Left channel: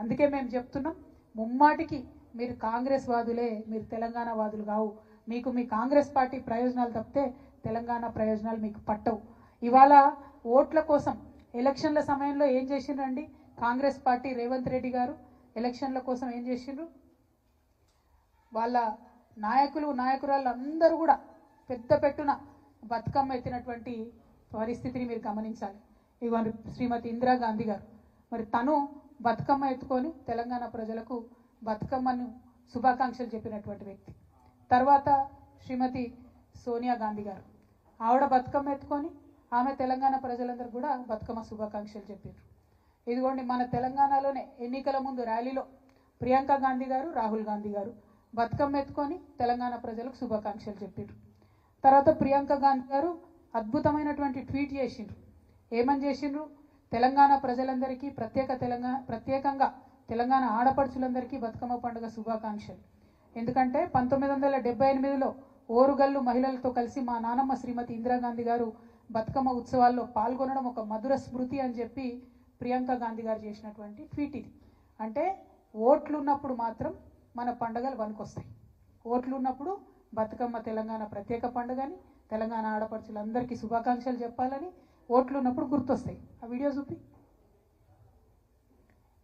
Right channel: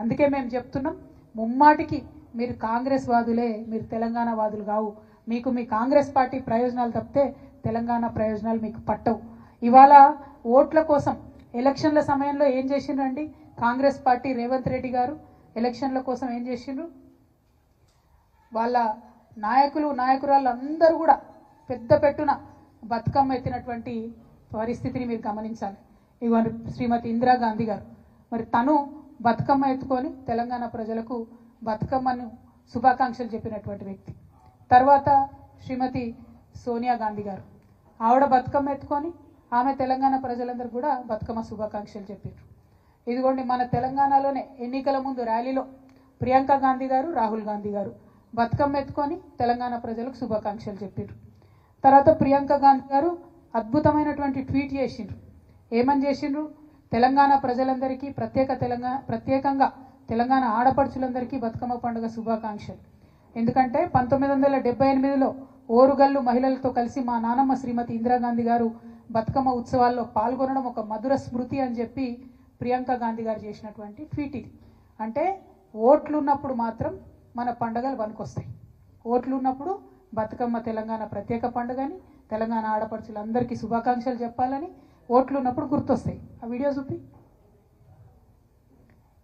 అందుకే మేము చెప్తున్నాం, ముమ్మాటికి మీరు కాంగ్రెస్ వాదులే, మీరు తెలంగాణ వాదులు కావు. మీకు మీ కాంగ్రెస్ పార్టీ ప్రయోజనాలు తప్పితే తెలంగాణ ప్రయోజనాలు మీకు పట్టవు. ఇవాళ ఓట్ల కోసం ఎలక్షన్ల సమయంలో ఏం చేసిండ్రండి కాంగ్రెస్ పార్టీ? రేవంత్ రెడ్డి గారు ఎలక్షన్ల కోసం ఏం చేసిండ్రు? వాళ్ళ నాయకులు నాయకురాళ్ళు అందరూ కూడా పెద్ద పెట్టున బతుకమ్మ ఎత్తినటువంటి పరిస్థితిని మీరు గమనించాలి. ఇవ్వండి శ్రీమతి ఇందిరాగాంధీ గారు, మరి తను బతుకమ్మ ఎత్తుకొని తెలంగాణ ప్రజలకు బతుకమ్మను శుభాకాంక్షలు చెప్పినటువంటి వ్యక్తి. తర్వాత శ్రీమతి సోనియా గాంధీ గారు, ఆవిడ బతుకమ్మ ఎత్తుకొని ఆమె తెలంగాణ ప్రజలందరూ కూడా బతుకమ్మ శుభాకాంక్షలు చెప్పారు. ఇదిగోండి మన తెలంగాణలోనే ఎన్నికల ముందు ర్యాలీలో ప్రియాంక గాంధీ గారు, రాహుల్ గాంధీ గారు బతుకమ్మ ఎత్తుకొని తెలంగాణ ప్రజలకు శుభాకాంక్షలు చెప్పారు. తర్వాత ప్రియాంక గాంధీ గారు అద్భుతమైనటువంటి ట్వీట్ చేసిండ్రు. ఏమని చేసిండ్రు? తెలంగాణ ప్రజలందరికీ ప్రత్యేకంగా తెలంగాణ ఆడపడుచులందరికీ బతుకమ్మ పండుగ శుభాకాంక్షలు. ఎందుకంటే 1978లో ఓరుగల్లు మహిళలతో కలిసి మా నానమ్మ శ్రీమతి ఇందిరాగాంధీ గారు బతుకమ్మ ఉత్సవాల్లో పాల్గొనడం ఒక మధుర స్మృతి అని చెప్పి ప్రియాంక గాంధీ గారు చేసినటువంటి ట్వీట్ ఇది. అంటే ఓట్లు ఉన్నప్పుడు మాత్రం మన పండుగలు పనికొస్తాయి. ఓట్లు ఉన్నప్పుడు బతుకమ్మ తెలంగాణ ప్రత్యేక పండుగని, తెలంగాణ ఆడపడుచులందరికీ శుభాకాంక్షలు చెప్పాలని ఓట్లు ఉన్నప్పుడు గుర్తొస్తాయి. ఆ వీడియో చూపి.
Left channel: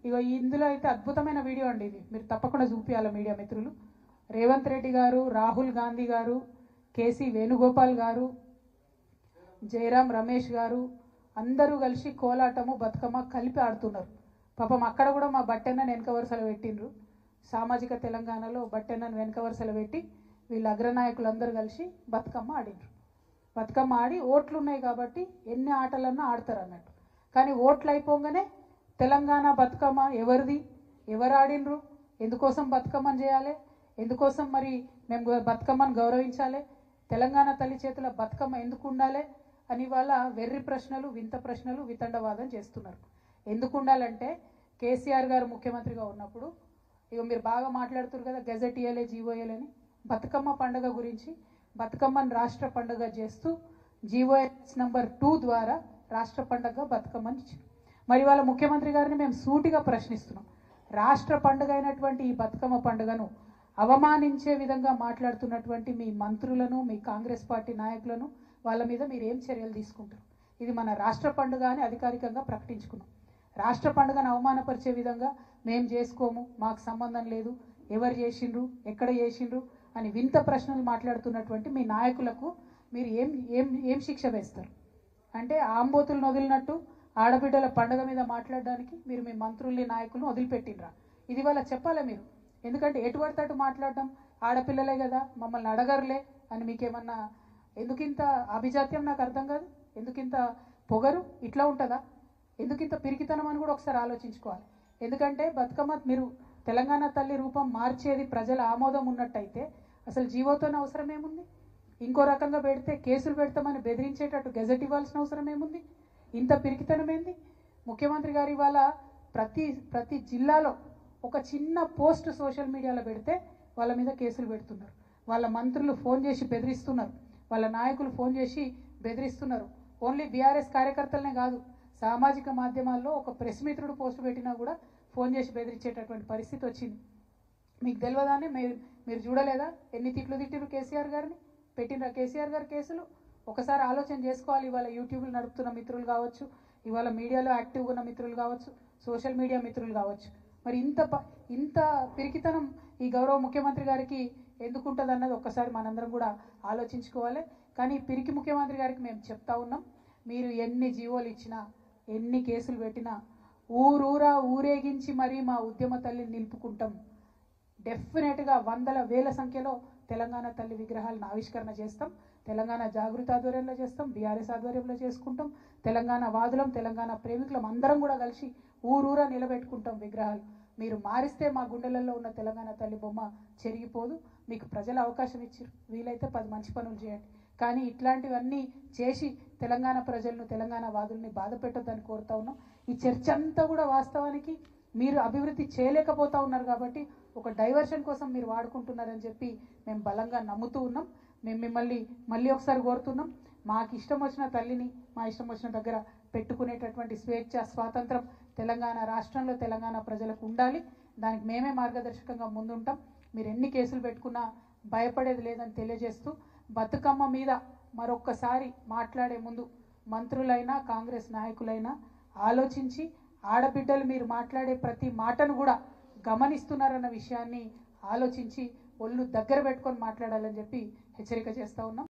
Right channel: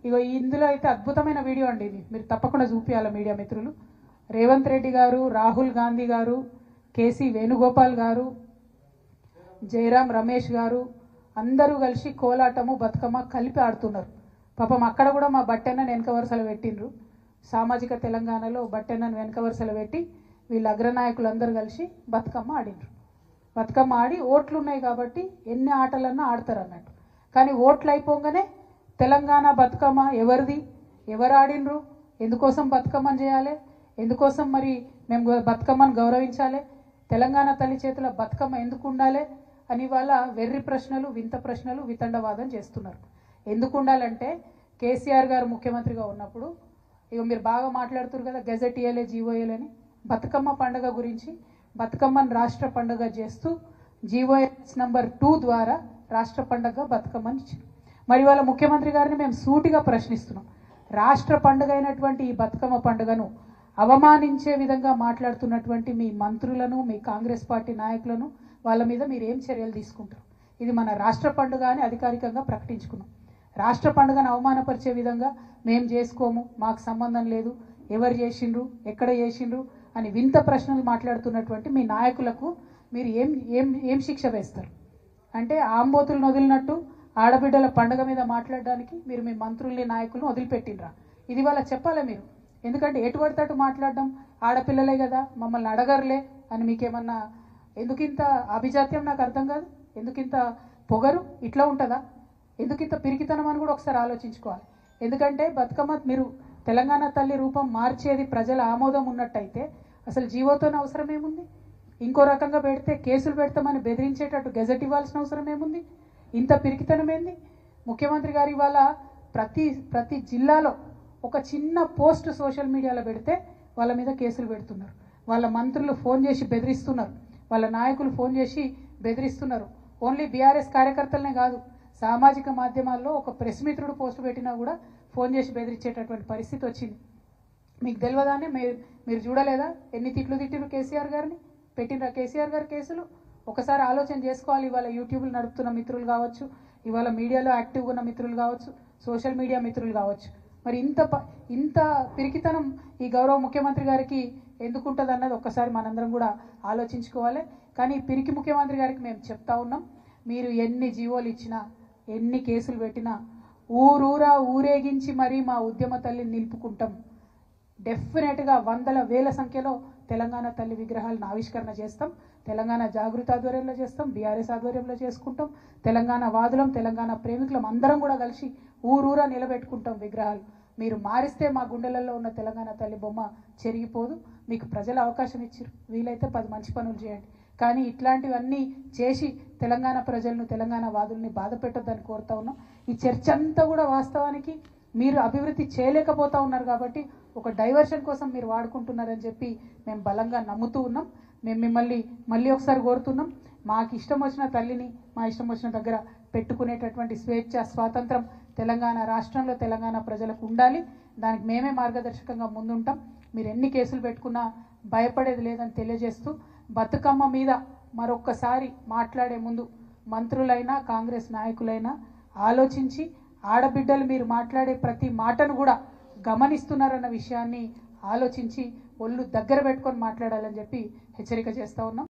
ఇగో ఇందులో అయితే అద్భుతమైన వీడియో అండి ఇది, మీరు తప్పకుండా చూపించాలి మీడియా మిత్రులు. రేవంత్ రెడ్డి గారు, రాహుల్ గాంధీ గారు, కేసీ వేణుగోపాల్ గారు, జయరాం రమేష్ గారు అందరూ కలిసి కోలాటము బతుకమ్మ కలిపి ఆడుతున్నారు. పాపం అక్కడ కూడా మా బట్టెన్నను వెనక వరుసలు పెట్టిండ్రు. సామాజిక తెలంగాణలో బట్టెన్నను వెనక వరుసలు పెట్టి వీళ్ళ అగ్రనాయకులు అందరూ కలిసి బతుకమ్మ ఆడిండ్రు. బతుకమ్మ ఆడి ఓట్లు ఉన్నాయి కాబట్టి ఎన్ని ఆటలన్నా ఆడతారు అన్నట్టు. కానీ ఓట్లు అయిపోగానే తెలంగాణ బతుకమ్మ ఎవరిది, ఎవరు ఆడినరు, ఎందుకోసం బతుకమ్మని చేయాలి, ఎందుకోసం మరి మేము బతుకమ్మను గౌరవించాలి, తెలంగాణ తల్లి చేతుల బతుకమ్మ ఎందుకు ఉండాలి అని వాళ్ళ వెర్రి ప్రశ్నలు, వింత ప్రశ్నలు, వితండవాదం చేస్తున్నారు. ఎందుకు ఉండాలంటే కేసీఆర్ గారు ముఖ్యమంత్రిగా ఉన్నప్పుడు ఇక మీరు బాగా మాట్లాడుతున్నారు కదా, గెజెట్ ఇయ్యలే, జీవోఎల్ అని బతుకమ్మ పండుగ గురించి బతుకమ్మను రాష్ట్ర పండుగ చేస్తూ జీవోఎస్ నంబర్ 2 ద్వారా రాష్ట్ర పండుగ బతుకమ్మని ఇచ్చింది. మరి వాళ్ళ ముఖ్యమంత్రి గారిని మేము సూటిగా ప్రశ్నిస్తున్నాం, రాష్ట్ర పండుగ అయినటువంటి ఈ బతుకమ్మ పండుగను అవమానించే విధంగా మాట్లాడుతున్నటువంటి మీ మంత్రులను, మీ కాంగ్రెస్ పార్టీ నాయకులను వాళ్ళ మీద మీరు ఏం చర్యలు తీసుకుంటారు? ఇది మన రాష్ట్ర పండుగ అని అధికారికంగా ప్రకటించుకున్నాం. రాష్ట్ర పండుగను అవమానపరిచే విధంగా మేము చేసుకోము, మాకు సంబంధం లేదు, ఎవరు చేసిండ్రు, ఎక్కడ చేసిండ్రు అని వింత ప్రశ్నలు మాట్లాడుతున్నటువంటి మీ నాయకులకు మీరు ఏం ఏం ఏం శిక్ష వేస్తారు? అంటే ఆంబోతులను వదిలినట్టు ఆడబిడ్డల పండుగ మీద మాట్లాడడానికి మీరు మీ మంత్రుల్ని, నాయకులను వదిలిపెట్టిండ్రా? ఇది వాళ్ళ చెప్పాలి మీరు. ఎందుకంటే ఎటు పడితే మాట్లాడడం, ఆడపిల్లలే కదా మమ్మల్ని అడగరులే అని మీకేమన్నా, ఎందుకింత అభిజాత్యం నాకు అర్థం కాదు. ఎందుకింత పొగరు? ఇట్లా ఉంటుందా? ఎందుకింత పిరికితనం అని కూడా ఒకసారి ఆలోచించుకోవాలి. ఎందుకంటే బతుకమ్మ మీరు తెలంగాణ తల్లి రూపం మార్చేది ప్రజల ఆమోదం ఉన్నట్టయితే అసలు జీవోతోనే అవసరం ఏముంది? ఇంకో రకంగా పెడితే కేసులు పెడతామని బెదిరించేటట్టు గెజెట్ ఇవ్వాల్సిన అవసరం ఏముంది? ఇంత పిరికితనం ఏంది? ముఖ్యమంత్రి గారు ఇవాళ ప్రతి జిల్లాలో ఒక చిన్న పోస్ట్ సోషల్ మీడియాలో పెడితే వాళ్ళ మీద కేసులు పెడుతున్నారు. వాళ్ళ మంత్రులు ఫోన్ చేసి బెదిరిస్తున్నారు, వాళ్ళ నాయకులు ఫోన్ చేసి బెదిరిస్తున్నారు. ఓన్లీ బీఆర్ఎస్ కార్యకర్తలనే కాదు, సామాజిక మాధ్యమాల్లో ఒక ప్రెస్ మిత్రుడు పోస్ట్ పెట్టినా కూడా ఫోన్ చేసి బెదిరించేటటువంటి పరిస్థితి వచ్చింది. మీకు తెలియదానే మీరు చూడలేదా ఎన్ని తిట్లు తిట్టిరు కేసీఆర్ గారిని? పెట్టినరా కేసీఆర్ గారి కేసులు? ఒకసారి ఆలోచన చేసుకోవాలి. ఇవాళ యూట్యూబ్లు నడుపుతున్న మిత్రులు కావచ్చు, ఇవాళ మీడియాలో యాక్టివ్గా ఉన్న మిత్రులు కావచ్చు, సోషల్ మీడియా మిత్రులు కావచ్చు, మరి ఇంత పిరికితనం ఈ గౌరవ ముఖ్యమంత్రి గారికి ఎందుకుంటుంది అన్నది ఒక్కసారి మనందరం కూడా ఆలోచించుకోవాలి. కానీ పిరికి ముఖ్యమంత్రి గారికి మేము చెప్తా ఉన్నాం, మీరు ఎన్ని జీవోలు ఇచ్చినా, ఎన్ని కేసులు పెట్టినా ఊరూరా ఊరేగించి మరీ మా ఉద్యమ తల్లిని నిలుపుకుంటాం. డెఫినెట్గా వందల వేల సంఖ్యలో తెలంగాణ తల్లి విగ్రహాలను ఆవిష్కరణ చేస్తాం. తెలంగాణ జాగృతి ఆధ్వర్యంలో చేస్తాం, బీఆర్ఎస్ ఆధ్వర్యంలో చేసుకుంటాం. తెలంగాణ వాదులం, తెలంగాణ ప్రేమికులం అందరం కూడా కలిసి ఊరూరా నిలబెట్టుకుంటాం విగ్రహాలు. మీరు మారిస్తే మా గుండెలలో ఉన్న తెలంగాణ తల్లి బొమ్మ చెరిగిపోదు. మీకు ప్రజలు అవకాశం ఇచ్చారు, వీలైతే 10 మంచి పనులు చేయండి. కానీ ఇట్లాంటివన్నీ చేసి తెలంగాణ ప్రజలను, తెలంగాణ వాదుల్ని బాధ పెట్టొద్దని కోరుతా ఉన్నాం. ఈ చర్చ అంతా కూడా వాస్తవానికి మీరు అభివృద్ధి చేయలేకపోతా ఉన్నారు కాబట్టి ఒక డైవర్షన్ కోసం మీరు వాడుకుంటున్నారని చెప్పి మేము బలంగా నమ్ముతూ ఉన్నాం. మేము మిమ్మల్ని మళ్ళీ ఒకసారి కోరుతున్నాం, మాకు ఇష్టం వచ్చిన తల్లిని మా ఇష్టం వచ్చిన దగ్గర పెట్టుకునేటటువంటి స్వేచ్ఛ, స్వాతంత్రం తెలంగాణ రాష్ట్రంలో తెలంగాణ ప్రజలకు ఉండాలి. దానికి మేమే మార్గదర్శకంగా ముందుంటాం. మీరు ఎన్ని కేసులు పెట్టుకున్నా భయపడేది లేదని తెలియజేస్తూ, బతుకమ్మ మీద మరొక్కసారి మాట్లాడే ముందు మంత్రులైనా కాంగ్రెస్ నాయకులైనా ఆలోచించి ఆడబిడ్డలు మీరు మాట్లాడే ప్రతి మాటను కూడా గమనిస్తున్నారన్న విషయాన్ని ఆలోచించి ఒళ్ళు దగ్గర పెట్టుకొని మాట్లాడాలని చెప్పి హెచ్చరిక చేస్తా ఉన్నాం.